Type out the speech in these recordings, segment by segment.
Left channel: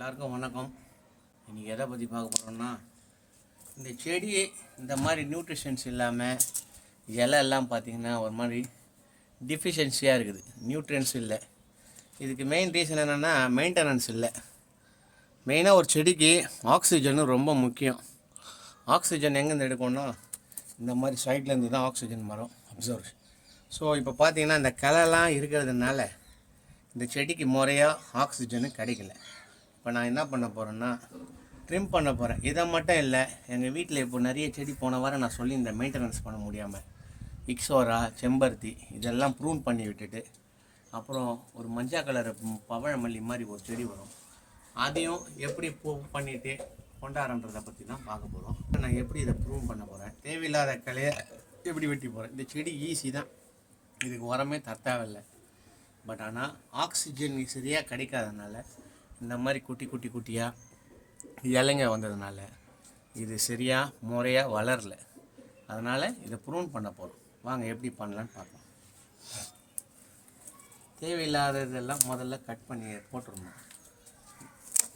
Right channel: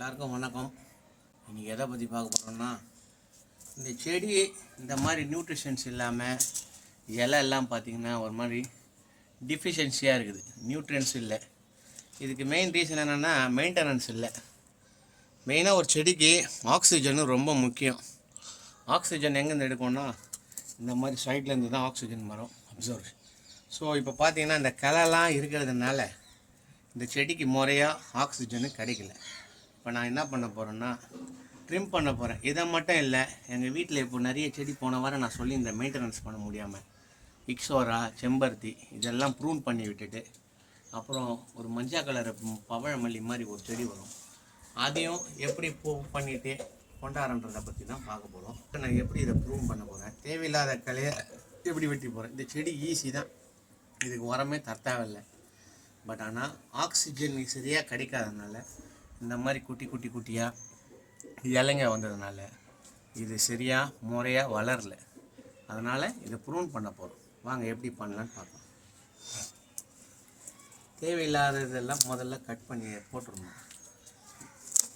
எல்லாருக்கும் வணக்கம். இன்றைக்கி எதை பற்றி பார்க்க போகிறோம்னா இந்த செடி இந்த மாதிரி நியூட்ரிஷன்ஸ் இல்லாமல் இலை எல்லாம் பார்த்தீங்கன்னா ஒரு மாதிரி டிஃபிஷியன்சியாக இருக்குது. நியூட்ரியன்ஸ் இல்லை. இதுக்கு மெயின் ரீசன் என்னென்னா மெயின்டெனன்ஸ் இல்லை. மெயினாக ஒரு செடிக்கு ஆக்சிஜனும் ரொம்ப முக்கியம். ஆக்சிஜன் எங்கேருந்து எடுக்கணும்னா இந்த மாதிரி சைட்லேருந்து தான் ஆக்சிஜன் வரும் அப்சர்வ் ஸோ இப்போ பார்த்தீங்கன்னா இந்த கலைலாம் இருக்கிறதுனால இந்த செடிக்கு முறையாக ஆக்சிஜனு கிடைக்கல. இப்போ நான் என்ன பண்ண போகிறேன்னா ட்ரிம் பண்ண போகிறேன் இதை மட்டும் இல்லை எங்கள் வீட்டில் இப்போ நிறைய செடி போன வாரம் நான் சொல்லியிருந்தேன் மெயின்டெனன்ஸ் பண்ண முடியாமல் இக்ஸோரா செம்பருத்தி இதெல்லாம் ப்ரூன் பண்ணி விட்டுட்டு அப்புறம் ஒரு மஞ்சள் கலர் பவழமல்லி மாதிரி ஒரு செடி வரும். அதையும் எப்படி பூ பண்ணிவிட்டு கொண்டாடன்றதை பற்றி தான் பார்க்க போகிறோம் நான் எப்படி இதை ப்ரூவ் பண்ண போகிறேன் தேவையில்லாத கலையை எப்படி வெட்டி போகிறேன் இந்த செடி ஈஸி தான். இதுக்கு உரமே தரத்தேவையில்லை பட் ஆனால் ஆக்சிஜன் சரியாக கிடைக்காதனால இந்த மாதிரி குட்டி குட்டி குட்டியாக இலைங்க வந்ததுனால இது சரியாக முறையாக வளரல. அதனால் இதை ப்ரூன் பண்ண போகிறோம் வாங்க எப்படி பண்ணலான்னு பார்க்கலாம். தேவையில்லாததெல்லாம் முதல்ல கட் பண்ணி போட்டுருணும்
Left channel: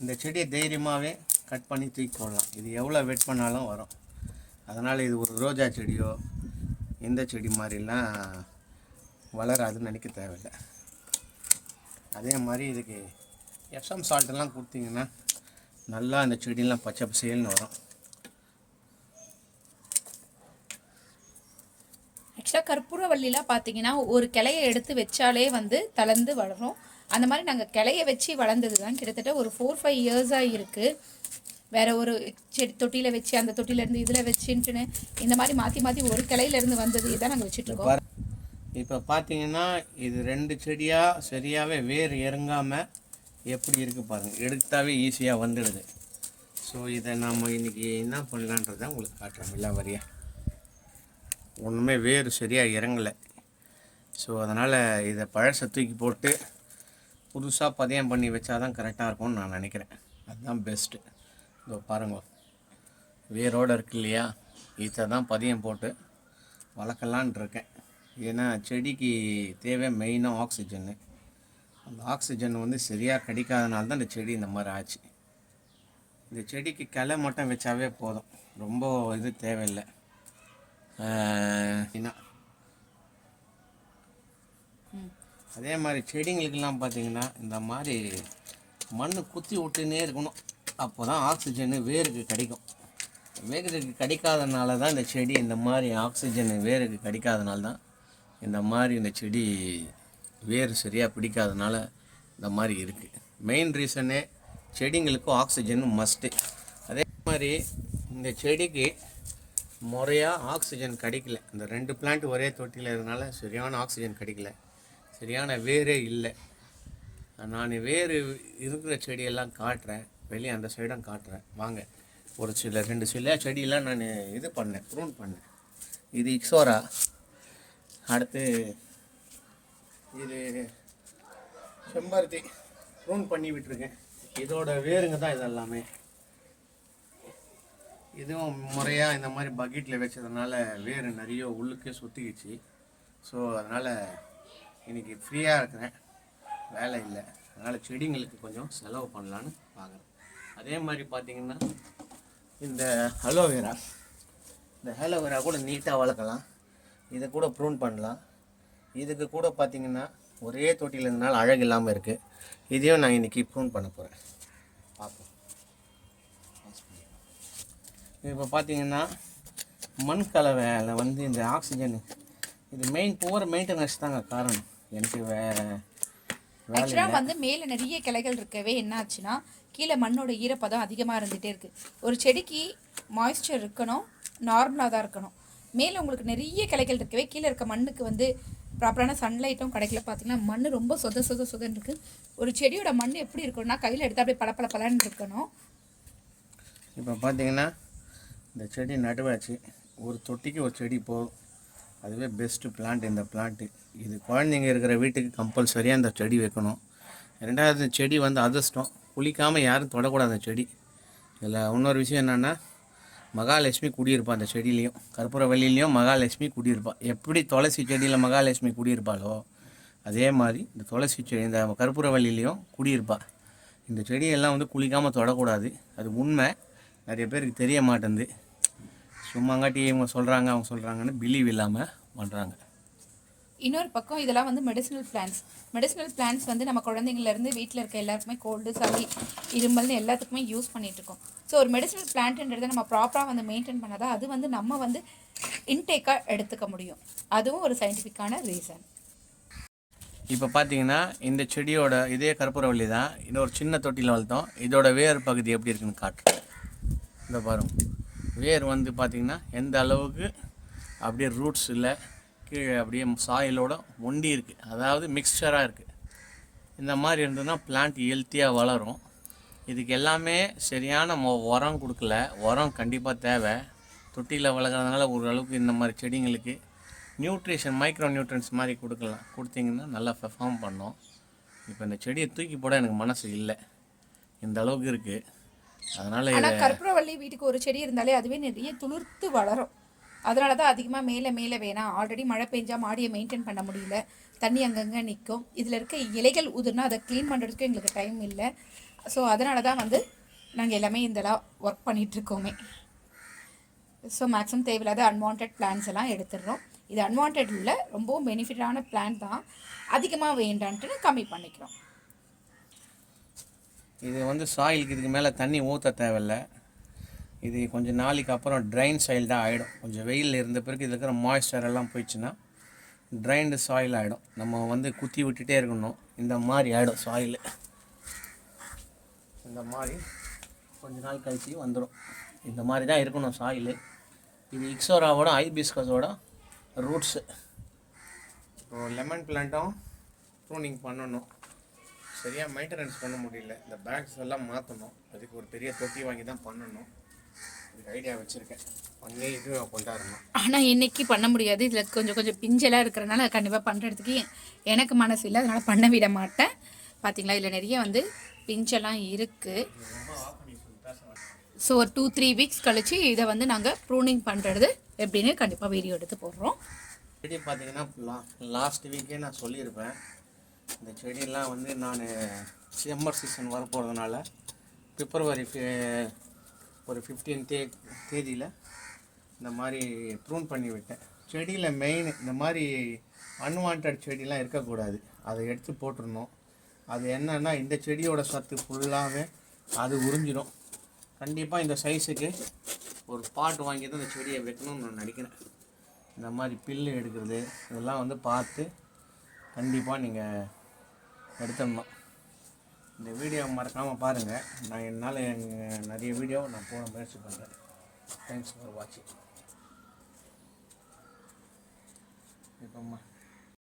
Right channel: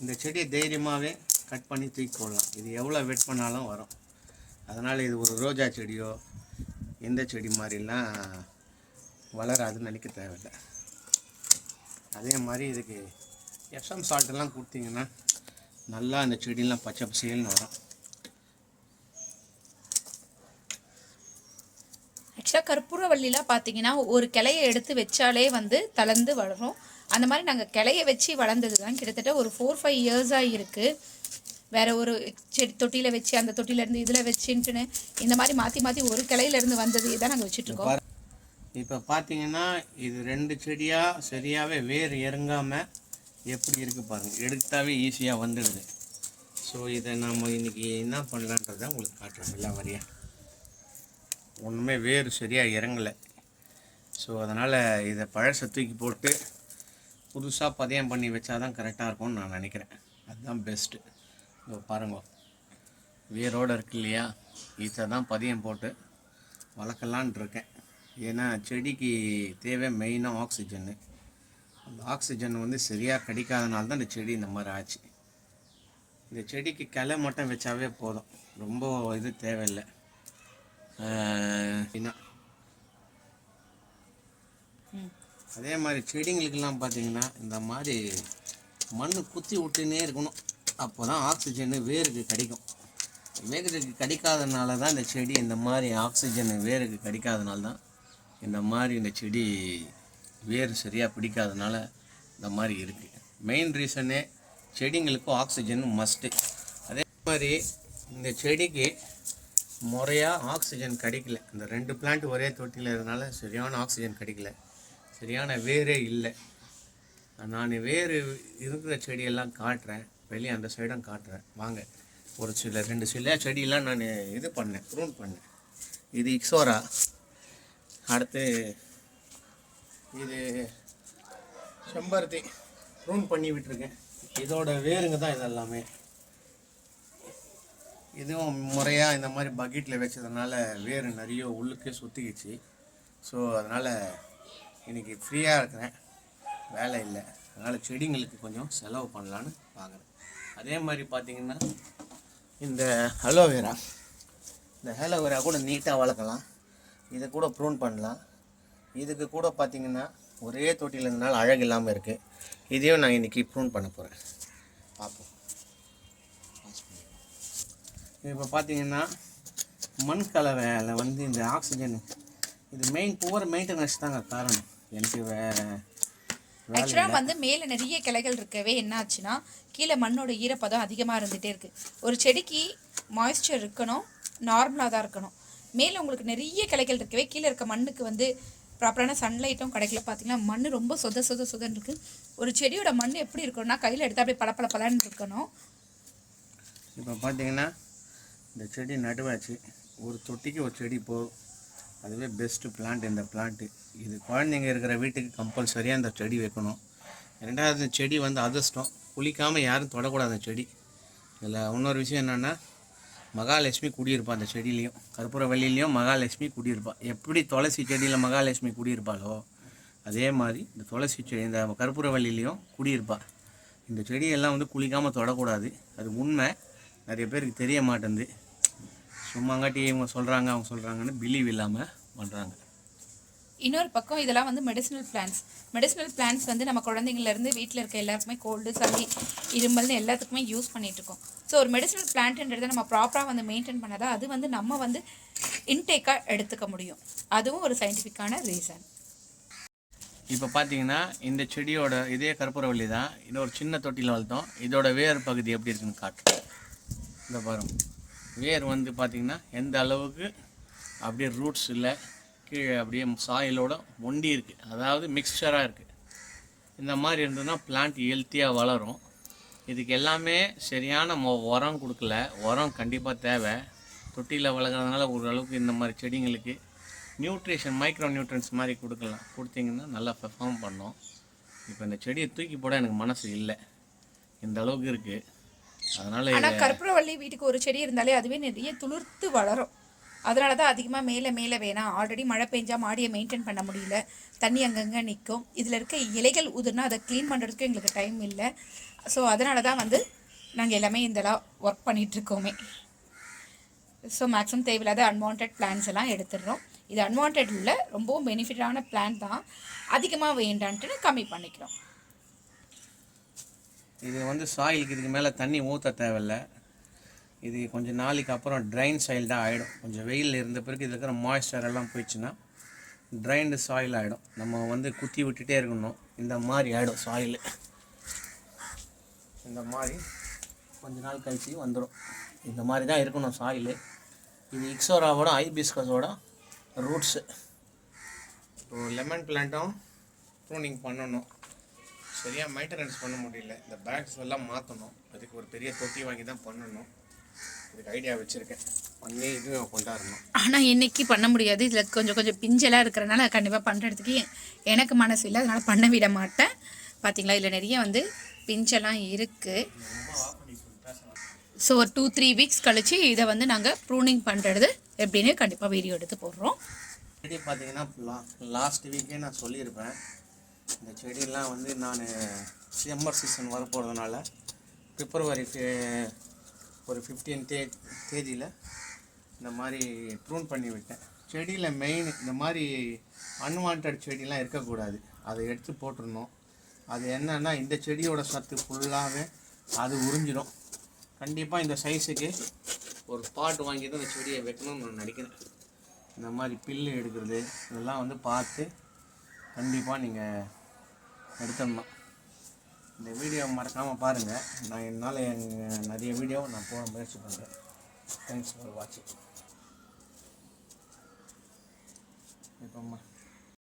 இந்த செடியை தைரியமாகவே கட் பண்ணி தூக்கி போடலாம். இது எவ்வளோ வெட் பண்ணாலும் வரும். அதனால் இது ஒரு ரோஜா செடியோ எந்த செடி மாதிரிலாம் வளராதுன்னு நினைக்க தேவையில்லை. அதே மாதிரி இதுக்கு எஃப்எம் சால்ட்டெல்லாம் கொடுத்தீங்கன்னா நல்லா அந்த செடியெல்லாம் பச்சை பசேல்னு வரும். ஆக்சுவலாக கற்பூரவள்ளிலாம் பார்த்தீங்கன்னா ஒரு கிளையை எடுத்து வச்சாலே வந்து தளர்ந்து வளரும். அந்த மாதிரி நாங்கள் கிளைய வச்சு வளர்ந்தது தான் கிட்டத்தட்ட ஒரு ஃபோர் ஃபைவ் இயர்ஸாக இருக்குது வேற ஒரு செடி தொட்டியில் வச்சு அந்த தொட்டிலேருந்து இதில் வச்சுட்டுன்னு இந்த மாதிரி மாற்றி மாற்றி ஒரு கிளையிலேருந்து வந்தது இதான் நாங்கள் வச்சுட்ருக்கோம் இப்போ பார்த்தீங்கன்னா இது ரெண்டு செடியாக சரியாகவே வேர் இறங்காமல் எப்படி இருக்குது பாருங்கள் எடுத்தாவே ஈஸியாக வந்துடுது. ஸோ இதை நாம் இன்றைக்கி என்ன பண்ணலான்றதை உங்களுக்கு காட்டுறேன். எல்லா வரியா? ஒன்றுமே வேர் சரியாக இறங்கலை. ஸோ அதனால் இதை பழசை தூக்கி போட்டு புதுசாக பதியம் பண்ணி வச்சா தான் கரெக்டாக இருக்கும்னு நான் நினைக்கிறேன். அதுதான் பெஸ்ட்டு இதோ பாருங்கள் வேரோடு இருக்கு இல்லையா? இதை தான் பதியம் போட்டு வளர்க்கலான் இருக்கேன். ஏன்னா செடிக்கு தேவை மெயினாக ஆக்சிஜன்னு அந்த ஆக்சிஜன் வந்து சரியாக கிடைக்காதனால தான் இந்த செடி இந்த மாதிரி ஆச்சு. இந்த செடிக்கு கிளை மட்டும் வச்சாவே போதும். ரொம்ப இது தேவையில்லை. என்ன? அதே மாதிரி செடிங்களுக்கெல்லாம் பார்த்தீங்கன்னா இந்த மாதிரி மண் குத்தி விட்டுனே இருக்கணும். அப்போ தான் ஆக்சிஜனு வேருக்கு கிடைக்கும். வேருக்கு கிடைக்காதனால தான் இந்த செடி இந்த மாதிரி ஆக்சிஜன் வேருக்கு கிடைக்காதனால தான் இந்த மாதிரி இந்த செடி வேர் சரியாக பிடிக்காதனால இந்த மாதிரி இருக்குது மெயின் ரீசனே செடிங்களுக்கும் ஆக்சிஜன் மஸ்ட்டு அதே மாதிரி இந்த செடிக்கு முறையாக ஆக்சிஜன் கிடைக்கல. இந்த ரெண்டு பிளான்ட் ஒரே தொட்டியில் இருந்தனால சரியான ஆக்சிஜன் கிடைக்கல. சரியான வேரே இல்லை. நான் வேறு இருக்கிற செடியெல்லாம் காட்டுறேன். வெளியே அந்த சைடும் காட்டுறேன். வாங்க. ஒரு சில ரெண்டு சில செடியெல்லாம் நான் இது பண்ணேன் ப்ரூன் பண்ணேன். இது இக்ஸோரா அடுத்து இது செம்பருத்தி. ப்ரூன் பண்ணி விட்டுருக்கேன். இதோட வேருங்க தான் இதெல்லாமே. இதுவும் முறையாக இந்த மாதிரி பக்கெட்டில் வச்சதுனால வேர் நிறைய உள்ளுக்கே சுற்றிக்கிச்சு ஸோ அதனால் இன்றைக்கி ஃப்ரீயாக இருக்கிறேன். வேலை இல்லை. அதனால் செடிங்களுக்கு கொஞ்சம் செலவு பண்ணலான்னு பார்க்குறேன். அதே மாதிரி பார்த்திங்கன்னா இந்த அலோவேரா இந்த அலோவேரா கூட நீட்டாக வளர்க்கலாம். இதை கூட ப்ரூன் பண்ணலாம். இதுக்கு கூட பார்த்தீங்கன்னா ஒரே தொட்டியில் இருந்தனால அழகு இல்லாமல் இருக்குது இதையும் நான் இன்றைக்கி ப்ரூன் பண்ண போகிறேன் பார்ப்போம். இப்போ பார்த்தீங்கன்னா மண் கலவையில் வந்து இந்த ஆக்சிஜன் இது மெயின் புவர் மெயின்டெனன்ஸ் தாங்க காரணம். எனக்கு ஆக்சுவலாக வந்து மேலே நிறைய கிளைகள் இருக்கவே என்ன ஆச்சுன்னா கீழே மண்ணோட ஈரப்பதம் அதிகமாக இருந்துகிட்டே இருக்குது ஒரு செடிக்கு மாய்ஸ்சர் இருக்கணும் நார்மலாக தான் இருக்கணும். மேலே உங்களுக்கு நிறைய கிளைகள் இருக்கவே கீழே இருக்க மண்ணுக்கு வந்து ப்ராப்பரான சன்லைட்டும் கிடைக்கல. பார்த்தீங்கன்னா மண் ரொம்ப சொத சொத சொதன்னு இருக்குது ஒரு செடியோட மண் எப்படி இருக்கணும்னா கையில் எடுத்து அப்படியே பளபள பலன்னு இருக்கணும். இப்போ பார்த்தீங்கன்னா இந்த செடி நடுவாச்சு. ஒரு தொட்டிக்கு ஒரு செடி போகும் அதுவே பெஸ்ட்டு பிளான்ட் இந்த பிளான்ட்டு இது குழந்தைங்க இருக்கிற வீட்டுக்கு கம்பல்சரியாக இந்த செடி வைக்கணும். ரெண்டாவது செடி வந்து அதிர்ஷ்டம். குளிக்காமல் யாரும் தொடக்கூடாது அந்த செடி. இதில் இன்னொரு விஷயம் என்னென்னா மகாலட்சுமி குடியிருப்பா அந்த செடியிலையும். கற்பூரவல்லிலையும் மகாலட்சுமி குடியிருப்பா. எப்படி துளசி செடியில் மகாலட்சுமி குடியிருப்பாளோ அதே மாதிரி இந்த துளசி செடி இந்த கற்பூரவல்லிலையும் குடியிருப்பா. இந்த செடியெல்லாம் வந்து குளிக்காமல் தொடக்கூடாது. அது உண்மை. நிறைய பேருக்கு தெரிய மாட்டேங்குது சும்மாங்காட்டி இவங்க சொல்கிறாங்க அவங்க சொல்கிறாங்கன்னு பிலீவ் இல்லாமல் பண்ணுறாங்க இன்னொரு பக்கம் இதெல்லாம் வந்து மெடிசினல் பிளான்ஸ் மெடிசினல் பிளான்ஸ் வந்து நம்ம குழந்தைங்கள்லேருந்து வீட்டில் இருக்க எல்லாருக்குமே கோல்டு சளி இருமல்னு எல்லாத்துக்குமே யூஸ் பண்ணிகிட்ருக்கோம் இருக்கோம். ஸோ ஒரு மெடிசினல் பிளான்ட்ன்றதை நம்ம ப்ராப்பராக வந்து மெயின்டைன் பண்ணாதான் அது வந்து நம்ம வந்து இன்டேக்காக எடுத்துக்க முடியும். அதுவும் ஒரு சயின்டிஃபிக்கான ரீசன் இப்போ பார்த்தீங்கன்னா இந்த செடியோட இதே கற்பூரவள்ளி தான் இன்னொரு சின்ன தொட்டியில் வளர்த்தோம். இதோட வேர் பகுதி எப்படி இருக்குன்னு காட்டுறோம் இந்த பாருங்க. வேர் வந்து பார்த்திங்கன்னா எந்த அளவுக்கு அப்படியே ரூட்ஸ் இல்லை கீழே அப்படியே சாயிலோட ஒண்டி இருக்குது அதாவது மிக்சராக இருக்குது இந்த மாதிரி இருந்ததுன்னா பிளான்ட் ஹெல்த்தியாக வளரும். இதுக்கு எல்லாமே சரியான மொ உரம் கொடுக்கல. உரம் கண்டிப்பாக தேவை. தொட்டியில் வளர்க்குறதுனால ஓரளவுக்கு இந்த மாதிரி செடிங்களுக்கு நியூட்ரிஷன் மைக்ரோ நியூட்ரன்ஸ் மாதிரி கொடுக்கலாம். கொடுத்தீங்கன்னா நல்லா பெர்ஃபார்ம் பண்ணோம். இப்போ இந்த செடியை தூக்கி போட எனக்கு மனசு இல்லை. இந்த அளவுக்கு இருக்குது அதனால் ஆனால் கற்பூரவள்ளி வீட்டுக்கு ஒரு செடி இருந்தாலே அதுவே நிறைய துளிர்த்து வளரும். அதனால தான் அதிகமாக மேலே மேலே வேணாம் ஆல்ரெடி மழை பெஞ்சால் மாடியை மெயின்டைன் பண்ண முடியல. தண்ணி அங்கங்கே நிற்கும் இதில் இருக்க இலைகள் உதிர்னா அதை க்ளீன் பண்ணுறதுக்கு எங்களுக்கு டைம் இல்லை. ஸோ அதனால தான் வந்து நாங்கள் எல்லாமே இதெல்லாம் ஒர்க் பண்ணிகிட்ருக்கோமே ஸோ மேக்ஸிமம் தேவையில்லாத அன்வான்ட் பிளான்ஸ் எல்லாம் எடுத்துடுறோம். இது அன்வான்ட் இல்லை ரொம்பவும் பெனிஃபிட்டான பிளான் தான். அதிகமாக வேண்டான்ட்டு கம்மி பண்ணிக்கிறோம். இது வந்து சாயிலுக்கு இதுக்கு மேலே தண்ணி ஊற்ற தேவையில்ல. இது கொஞ்சம் நாளைக்கு அப்புறம் ட்ரைன் சாயில் தான் ஆகிடும் கொஞ்சம் வெயிலில் இருந்த பிறகு இதில் இருக்கிற மாய்ஸ்சர் எல்லாம் போயிடுச்சுன்னா ட்ரைன்டு சாயில் ஆகிடும் நம்ம வந்து குத்தி விட்டுட்டே இருக்கணும். இந்த மாதிரி ஆகிடும் சாயில் இந்த மாதிரி கொஞ்ச நாள் கழிச்சு வந்துடும் இந்த மாதிரி தான் இருக்கணும் சாயில் இது இக்ஸோராவோட ஐபிஸ்கஸோட ரூட்ஸு இப்போ லெமன் பிளான்ட்டும் ப்ரூனிங் பண்ணணும். சரியாக மெயின்டெனன்ஸ் பண்ண முடியல. இந்த பேக்ஸ் எல்லாம் மாற்றணும் அதுக்கு ஒரு பெரிய தொட்டி வாங்கி தான் பண்ணணும். இதுக்கு ஐடியா வச்சுருக்கேன். பண்ணி இது கொண்டாடணும். ஆனால் இன்னைக்கு பண்ண முடியாது. இதில் கொஞ்சம் கொஞ்சம் பிஞ்செல்லாம் இருக்கிறனால கண்டிப்பாக பண்ணுறதுக்கு எனக்கு மனசு இல்லை. அதனால் பண்ண விட மாட்டேன். பார்த்தீங்களா இதில் நிறைய வந்து பிஞ்செல்லாம் இருக்குது ஸோ ஒரு டூ த்ரீ வீக்ஸ் கழிச்சு இதை வந்து நாங்கள் ப்ரூனிங் பண்ணுறது எப்படின்னு கண்டிப்பாக வீடியோ எடுத்து போடுறோம். செடி பார்த்தீங்கன்னா லா லாஸ்ட் வீக்கே நான் சொல்லியிருப்பேன். இந்த செடியெல்லாம் வந்து நான் சம்மர் சீசன் வர போகிறதுனால பிப்ரவரி ஒரு ஃபிஃப்டீன் தே தேதியில் இந்த மாதிரி ப்ரூன் பண்ணி விட்டேன். செடியில் மெயின் இந்த மாதிரி அன்வான்ட் செடிலாம் இருக்கக்கூடாது. அதை எடுத்து போட்டுருணும் அது என்னென்னா இந்த செடியோட சத்து ஃபுல்லாகவே அது உறிஞ்சிடும் கண்டிப்பாக இந்த சைஸுக்கு ஒரு பாட் வாங்கி தான் இந்த செடியை வைக்கணும்னு நான் நினைக்கிறேன். இந்த மாதிரி பில்லு எடுக்கிறது இதெல்லாம் வந்து பார்த்து கண்டிப்பாக நீங்கள் எடுத்துடணும். இந்த வீடியோ மறக்காமல் பாருங்கள் நான் என்னால் எங்கள் நிறைய வீடியோ நான் போட முயற்சி பண்ணுறேன் தேங்க்ஸ் ஃபார் வாட்சிங் இப்போம்மா